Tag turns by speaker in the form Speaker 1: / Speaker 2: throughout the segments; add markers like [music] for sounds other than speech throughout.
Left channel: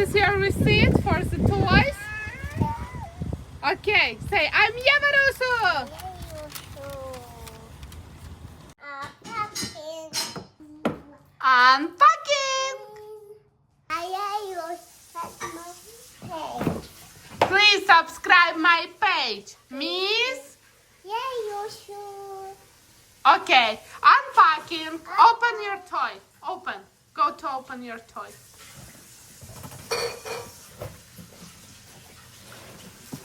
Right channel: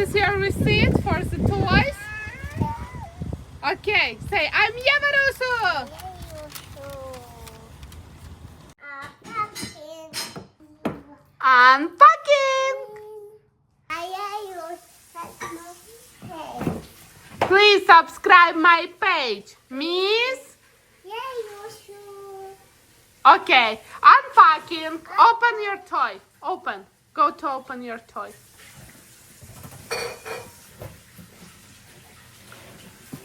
Speaker 1: is your receipt for the toys. Okay, say I'm Yamarusu. Unpacking. Please subscribe my page, Miss. Okay, unpacking. Open your toy. Open. Go to open your toy.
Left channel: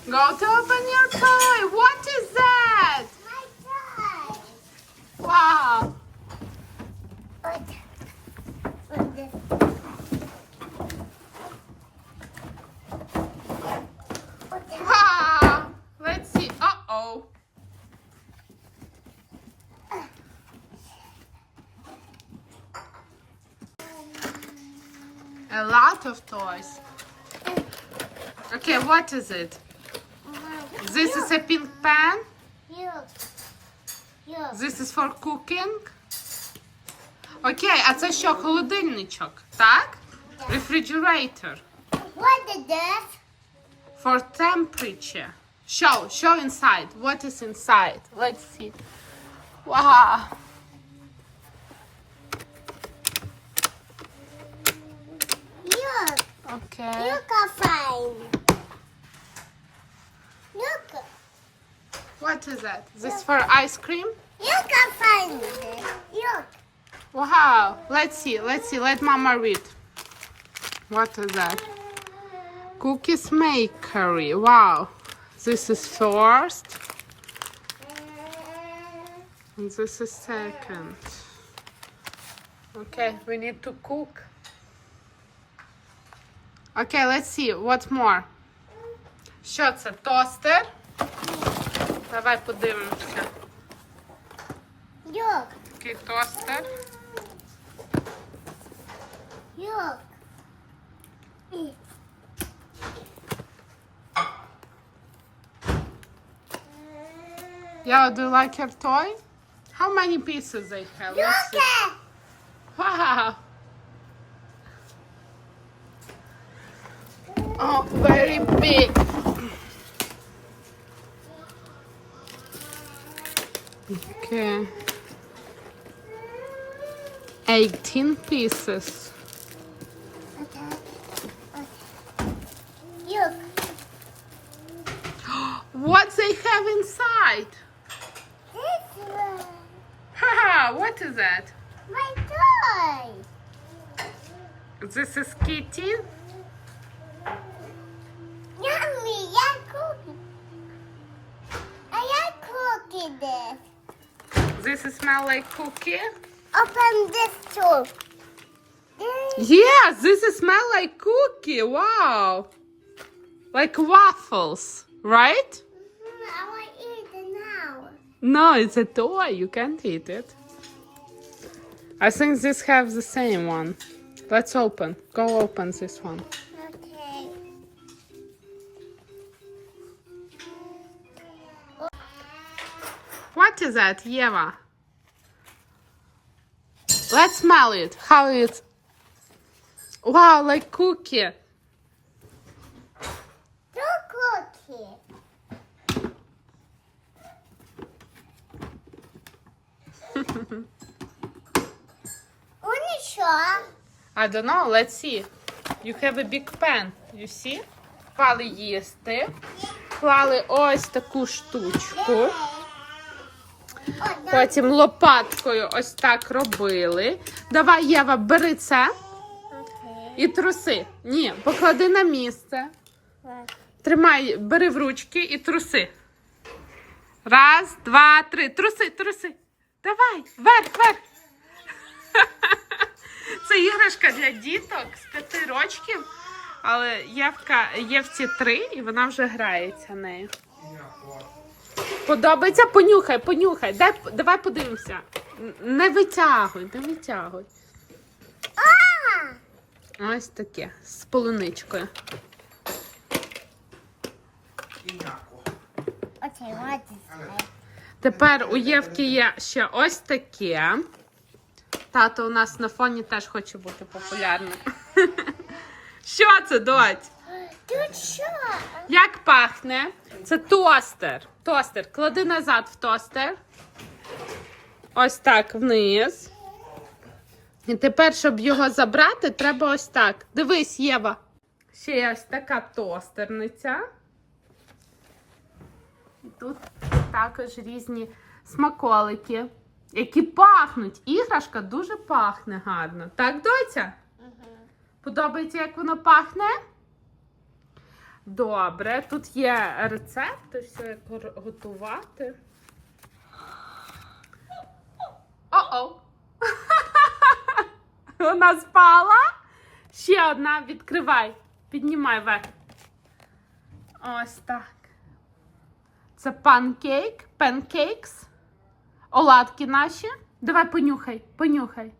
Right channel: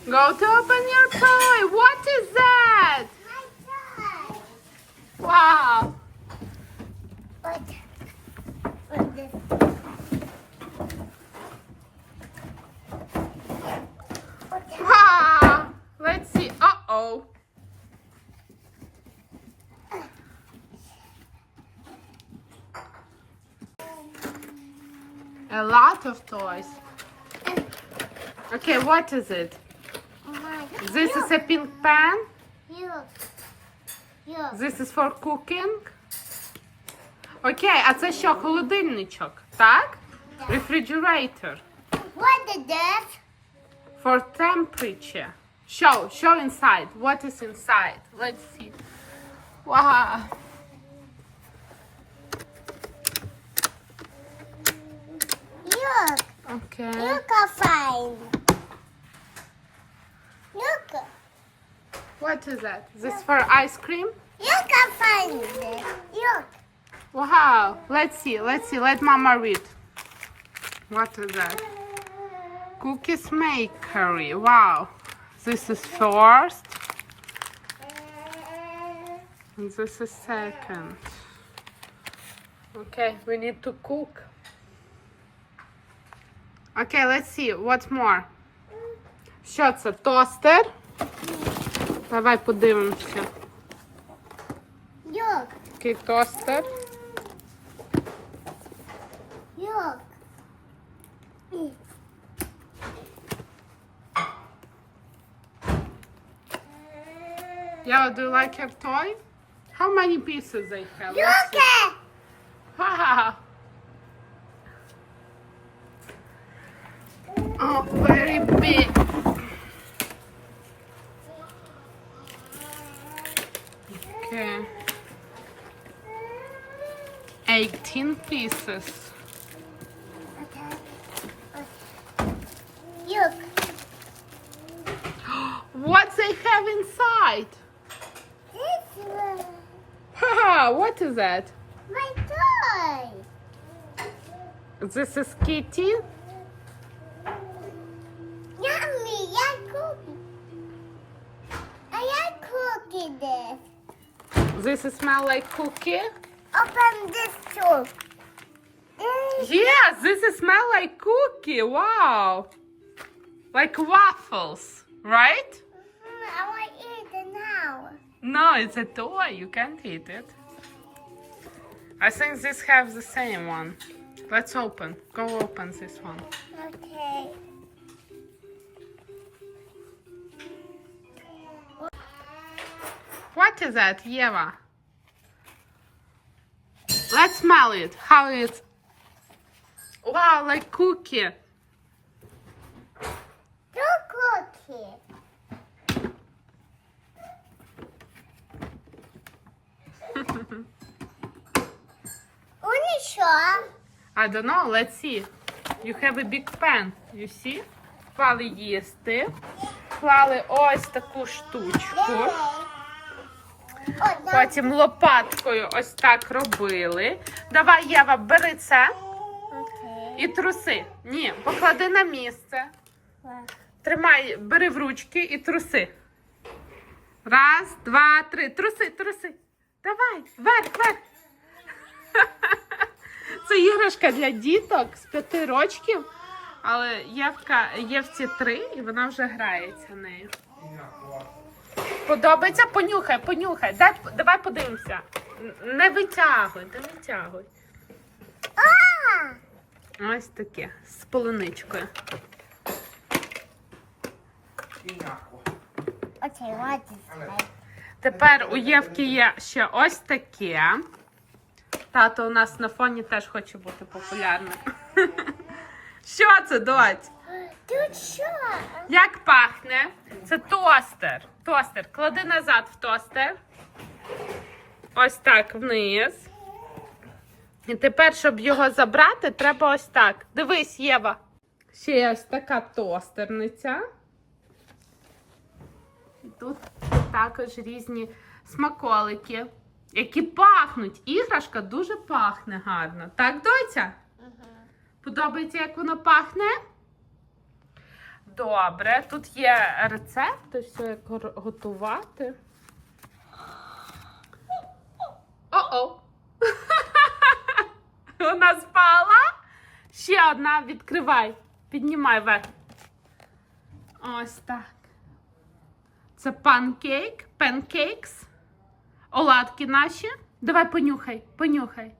Speaker 1: Go to open your toy. What is that? My Wow. Wow. Let's see. Uh oh. A lot of toys. Okay, what is it? This is a pink pen. This is for cooking. Окей, а це що, холодильничок, так? Refrigerator.
Speaker 2: What is this?
Speaker 1: For temperature. Show, show inside. What is inside? Let's see. Wow.
Speaker 2: Look,
Speaker 1: Okay.
Speaker 2: look a fine. Look,
Speaker 1: What is that? This for ice cream?
Speaker 2: look a fine. Look,
Speaker 1: Wow. Let's see. Let's see. Let mama read. What is that? Cookies makery. Wow. This is first. And this is second. Okay, we need to cook. Okay, let's see. What more? Що це? Тостер? Давай подивимося.
Speaker 2: look,
Speaker 1: Такий тостер.
Speaker 2: look.
Speaker 1: Yeah, do you like your toy? How many pieces they have? Let's
Speaker 2: Look
Speaker 1: see.
Speaker 2: at.
Speaker 1: Wow. Oh, very big. Okay. 18 pieces.
Speaker 2: Okay. Look, [gasps]
Speaker 1: What they have inside?
Speaker 2: this one.
Speaker 1: Haha, what is that?
Speaker 2: My toy.
Speaker 1: This is Kitty.
Speaker 2: Yummy, I cookie. I like cookie this.
Speaker 1: This smell like cookie.
Speaker 2: Open this too.
Speaker 1: Yes, this is smell like cookie. Wow. Like waffles, right?
Speaker 2: Mhm, I want to eat it now.
Speaker 1: No, it's a toy. You can't eat it. I think this have the same one. Let's open. Go open this one. What is that, Yeva? Let's smell it. How it's. Wow, like cookie.
Speaker 2: Cookie. Only sure.
Speaker 1: I don't know. Let's see. You have a big pan. You see? Клали їсти. Клали ось таку штучку. Потім лопаткою ось так робили. Давай, Єва, бери це і труси. Ні, поклади на місце. Тримай, бери в ручки і труси. Раз, два, три. Труси, труси. Давай, вверх, вверх. [laughs] Це іграшка для діток з п'яти рочків, але Євка, Євці три, і вона вже грається нею. Подобається? Понюхай, понюхай. Дай, давай подивимося. Не витягуй, не витягуй. Ось таке з полуничкою. Тепер у Євки є ще ось таке. Тато у нас на фоні теж хоче бути популярним. [laughs] Що це, дочь?
Speaker 2: Тут що?
Speaker 1: Як пахне? Це тостер. Тостер. Клади назад в тостер. Ось так вниз. І тепер, щоб його забрати, треба ось так. Дивись, Єва. Ще є ось така тостерниця. І тут також різні смаколики, які пахнуть. Іграшка дуже пахне гарно. Так, доця? Подобається, як воно пахне? Добре, тут є рецепти, все як готувати. О-о! [laughs] Вона спала. Ще одна відкривай. Піднімай вверх. Ось так. Це панкейк, панкейкс. Оладки наші. Давай понюхай, понюхай.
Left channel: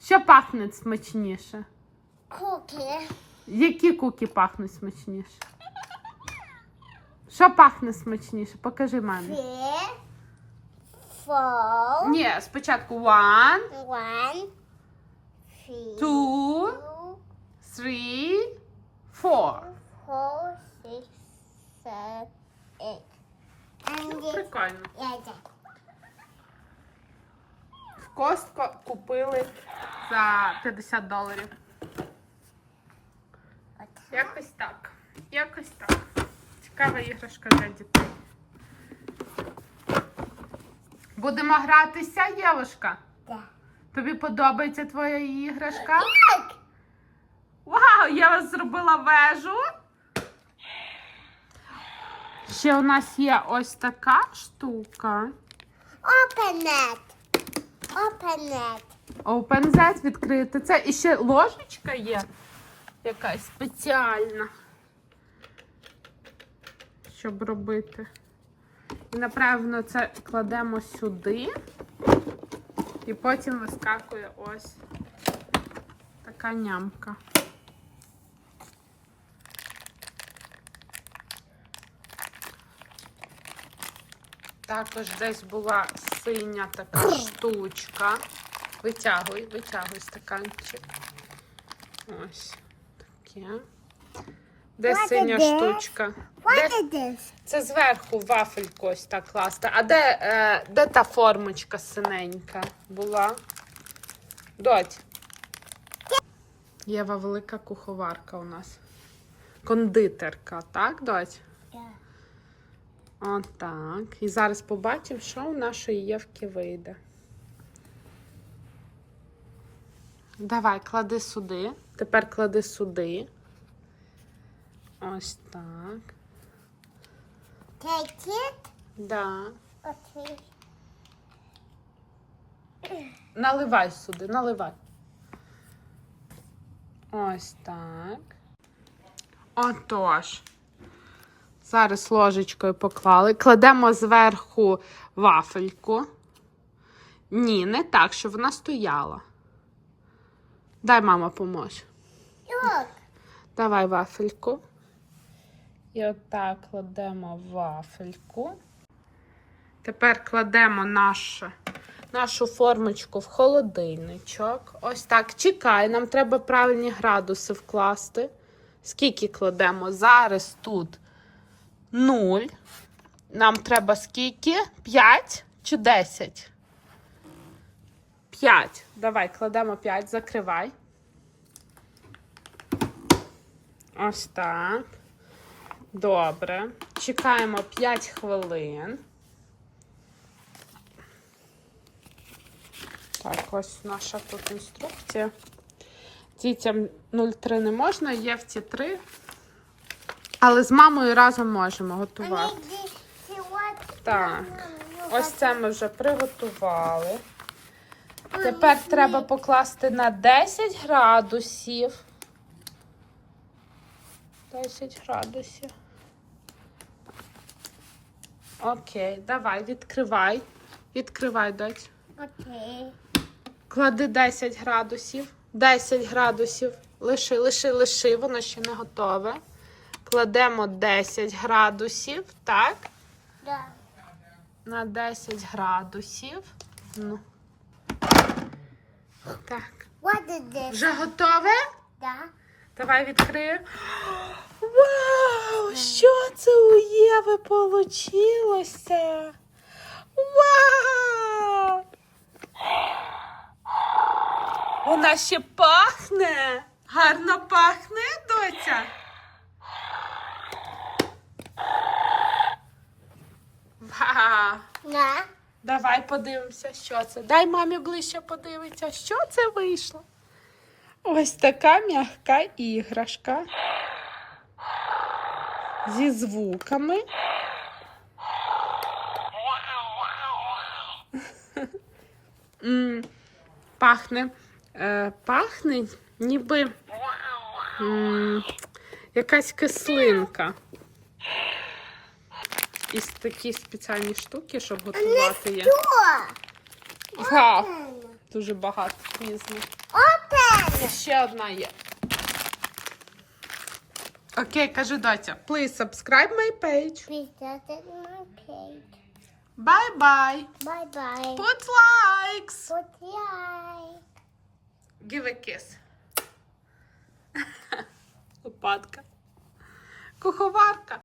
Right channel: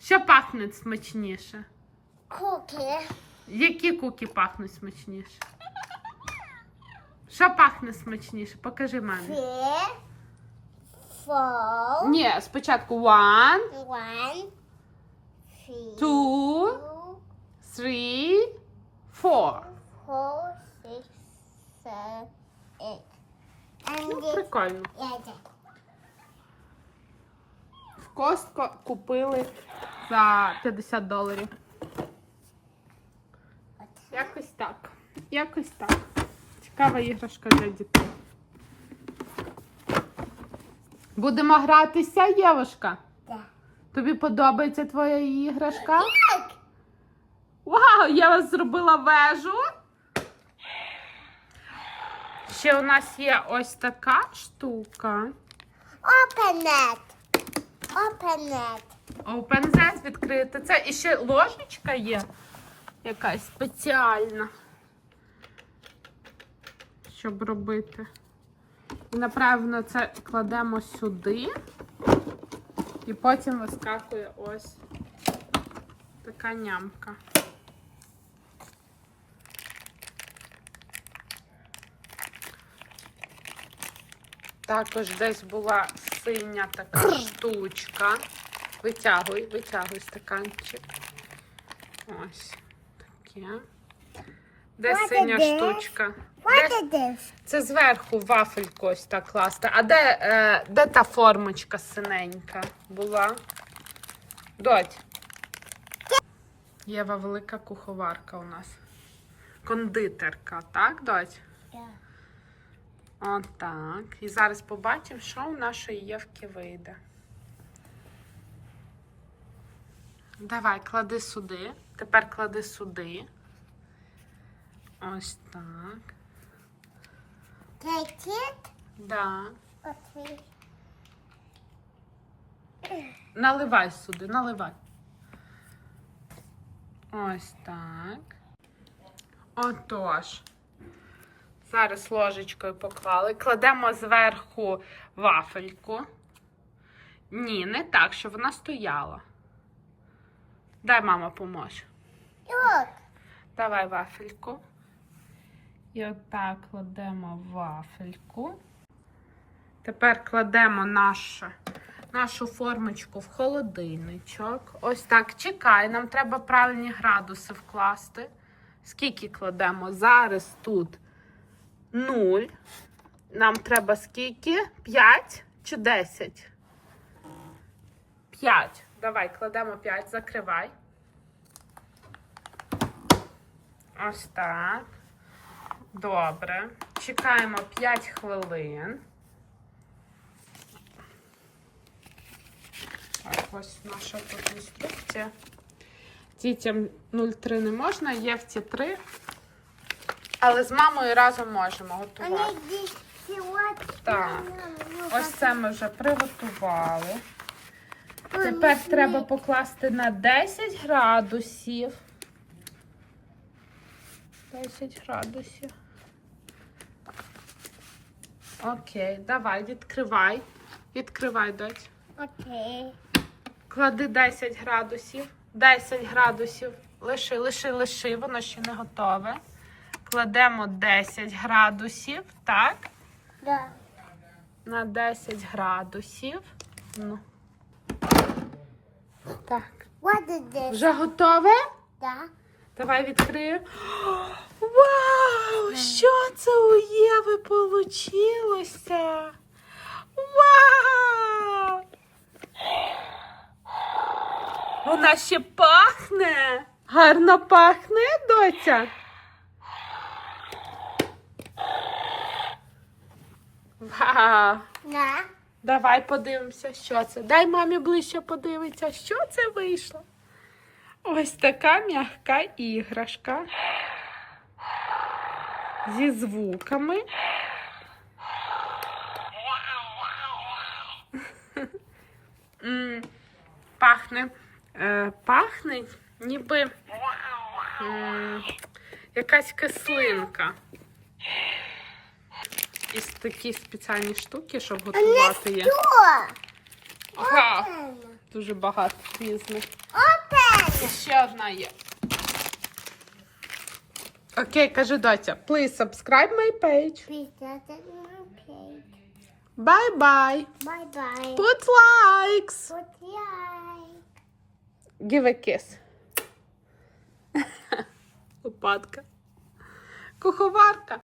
Speaker 1: Що пахне смачніше?
Speaker 2: Куки.
Speaker 1: Які куки пахнуть смачніше? Що пахне смачніше? Покажи мамі.
Speaker 2: Three. Four.
Speaker 1: Ні, спочатку one,
Speaker 2: One. Three.
Speaker 1: two,
Speaker 2: Two.
Speaker 1: three, four.
Speaker 2: Four. Six. Seven. Eight. And
Speaker 1: Ну,
Speaker 2: this.
Speaker 1: прикольно.
Speaker 2: Yeah, that.
Speaker 1: В Костко купили за 50 доларів. Якось так. Якось так. Цікава іграшка для дітей. Будемо гратися, Євушка.
Speaker 2: Да.
Speaker 1: Тобі подобається твоя іграшка?
Speaker 2: Так.
Speaker 1: Вау, я вас зробила вежу. Ще у нас є ось така штука.
Speaker 2: It. Open it.
Speaker 1: Відкрити. Це і ще ложечка є. Якась спеціальна. Щоб робити. І напевно це кладемо сюди. І потім вискакує ось така нямка. Також десь була синя така штучка. Витягуй, витягуй стаканчик. Ось таке. Де
Speaker 2: What
Speaker 1: синя штучка? Де- Це зверху вафельку ось так класти. А де, е, де та формочка синенька була? Доть. Єва велика куховарка у нас. Кондитерка, так, доть?
Speaker 2: Yeah.
Speaker 1: Отак. І зараз побачимо, що у нашої Євки вийде. Давай, клади сюди. Тепер клади сюди. Ось так.
Speaker 2: It.
Speaker 1: Да.
Speaker 2: Okay.
Speaker 1: Наливай сюди, наливай. Ось так. Отож. Зараз ложечкою поклали. Кладемо зверху вафельку. Ні, не так, щоб вона стояла. Дай мама поможе.
Speaker 2: Look.
Speaker 1: Давай вафельку. І отак кладемо вафельку. Тепер кладемо нашу, нашу формочку в холодильничок. Ось так. Чекай, нам треба правильні градуси вкласти. Скільки кладемо? Зараз тут 0. Нам треба скільки? 5 чи 10? 5. Давай, кладемо 5, закривай. Ось так. Добре. Чекаємо 5 хвилин. Так, ось наша тут інструкція. Дітям 0,3 не можна, є в ці 3. Але з мамою разом можемо готувати. Так. Ось це ми вже приготували. Тепер треба покласти на 10 градусів. 10 градусів. Окей, давай, відкривай. Відкривай, дочь.
Speaker 2: Okay.
Speaker 1: Клади 10 градусів. 10 градусів. Лиши, лиши, лиши, воно ще не готове. Кладемо 10 градусів, так?
Speaker 2: Да.
Speaker 1: На 10 градусів. Ну. Так.
Speaker 2: What is this?
Speaker 1: Вже готове?
Speaker 2: Да.
Speaker 1: Давай відкрию. Вау! Що це у Єви получилося? Вау! Вона ще пахне. Гарно пахне, доця. Вау!
Speaker 2: На.
Speaker 1: Давай подивимося, що це. Дай мамі ближче подивитися, що це вийшло. Ось така м'яка іграшка. Зі звуками. Пахне. Е, пахне ніби якась кислинка. І такі спеціальні штуки, щоб готувати є. Га, дуже багато різних.
Speaker 2: Open.
Speaker 1: І ще одна є. Окей, кажи доця. Please subscribe my page.
Speaker 2: Please visit my page.
Speaker 1: Bye bye.
Speaker 2: Bye bye.
Speaker 1: Put likes.
Speaker 2: Put like.
Speaker 1: Give a kiss. [laughs] Лопатка. Куховарка.